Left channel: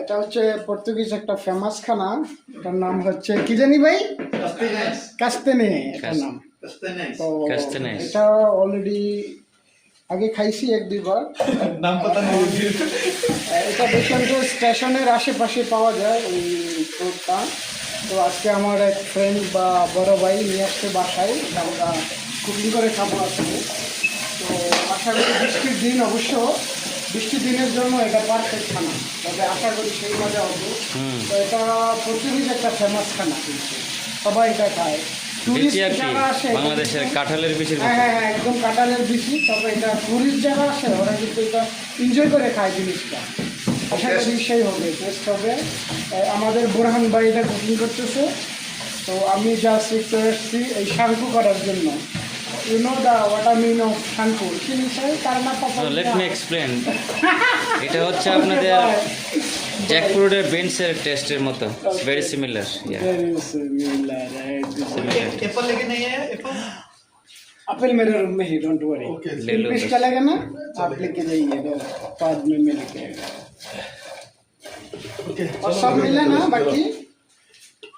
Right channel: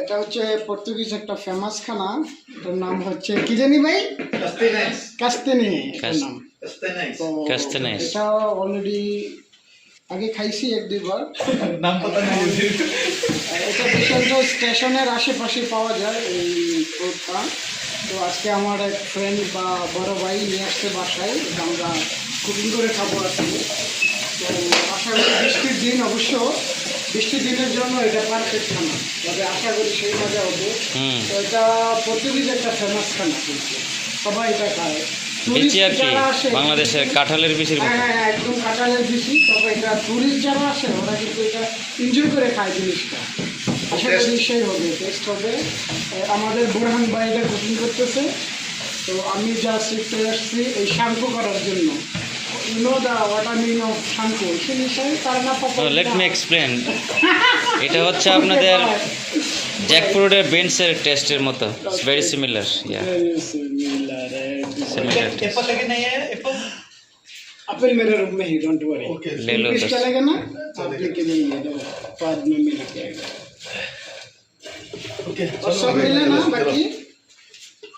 এটা হচ্ছে পর্তুগিজ একটা ফেমাস খানা, এটার নাম হচ্ছে কি জানি ভাই, কাস্তেনে এটার নাম। তো এটা অলরেডি আগে খাইছি এক দুইবার, নাম পতা নাই। এটা বেশিরভাগ স্টেশনের আশেপাশে পাওয়া যায় এই ফ্রুটটা। তো আজকে আমার এক ফ্রেন্ড বা বড় ভাই নিয়ে আসছে বাসায়, এটা আমরা কুকিং করে খাবো আজকে। তো আশা করি বৃষ্টির দিন, অবশ্য বৃষ্টির দিনের জন্য এটা পারফেক্ট খানা, তবে আশা করি সেই মজা হবে। তো এটা পর্তুগিজ একটা ফেমাস খানা, কিন্তু সবাই এটা খায়। বাংলাদেশের কাঁঠালের বিচির মতো। হ্যাঁ হ্যাঁ, একদম কাঁঠালের বিচি। তবে এটা টুরিস্ট যারা আসে ওরা কিন্তু এটা এনজয় করে খায় জিনিসটা। আশা করি সেই হবে, টেস্ট হবে। আমাদের বুরহান ভাই এটা কুকিং করতেছে, তো আমি জাস্ট একটু এসেছি এই শাঙ্কু করার জন্য। You know what I mean of শাঙ্কু? Let me explain. এটা হচ্ছে আপনাদের জ্যাকফ্রুটের বেন্সের টেস্টের মতো, ভেরি সিমিলার। एप्पल लेके नहीं है एप्पल। एप्पल मेरे रूम में ही, डोंट वरी। ले लो पिस चलेगा ना, आप लेके जाइए, बाद में मैं लेके आएगा। ओके और सब मिले ना बाकी।